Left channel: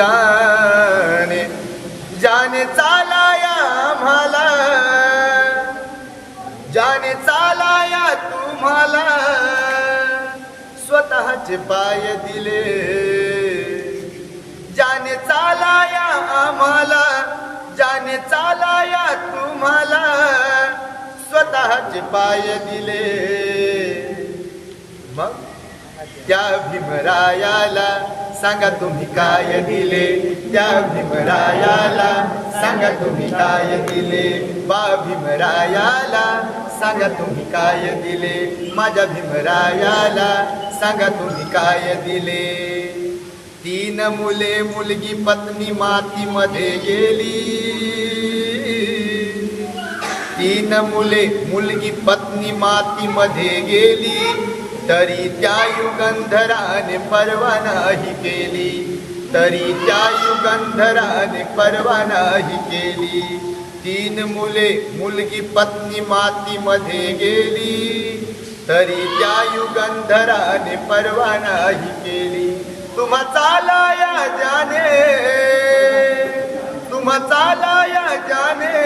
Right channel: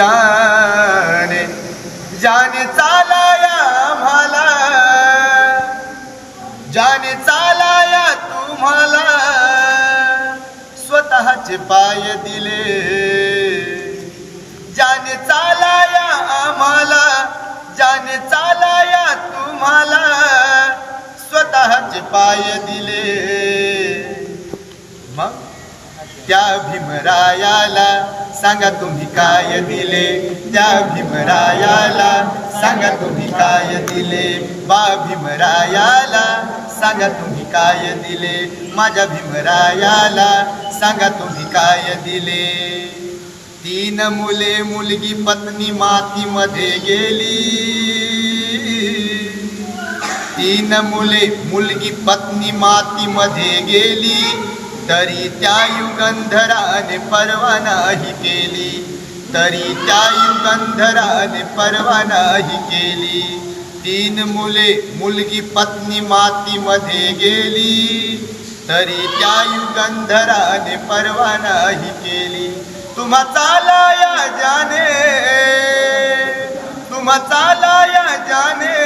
जाने जाने चालाया आम्हाला जाने चालाया तुम्हाला. स्वतःचे पाय दिले. जाने चालाया आम्हाला जाने चालाया तुम्हाला. स्वतःचे पाय दिले. मग त्या भीमरायाला सांगा तुम्ही काय दिले? त्या भीमरायाला सांगा तुम्ही काय दिले? बा भीमरायाला सांगा तुम्ही काय दिले? माझ्या भीमरायाला सांगा तुम्ही काय दिले? तीन मुले मुलगी पत्नी मातीमध्ये गेली. तीन मुले मुलगी पत्नी मातीमध्ये गेली. तरी त्या युगंधराने परवा नाही केली. तरी त्या युगंधराने परवा नाही केली. तीन मुले मुलगी पत्नी मातीमध्ये गेली. तरी त्या युगंधराने परवा नाही केली. तुम्हा चालाया जाने तुम्हा चालाया जाने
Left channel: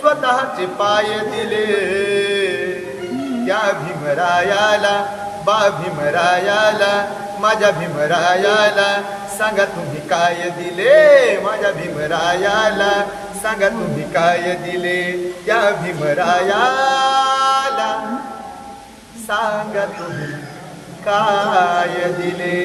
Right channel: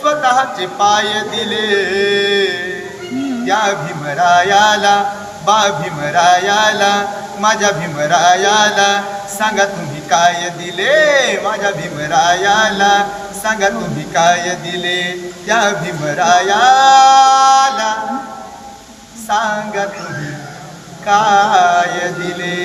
स्वतःचे पाय दिले. त्या भीमरायाला बा भीमरायाला माझ्या भीमरायाला सांगा तुम्ही काय दिले? माझ्या भीमरायाला सांगा तुम्ही काय दिले? त्या भीमरायाला सांगा तुम्ही काय दिले?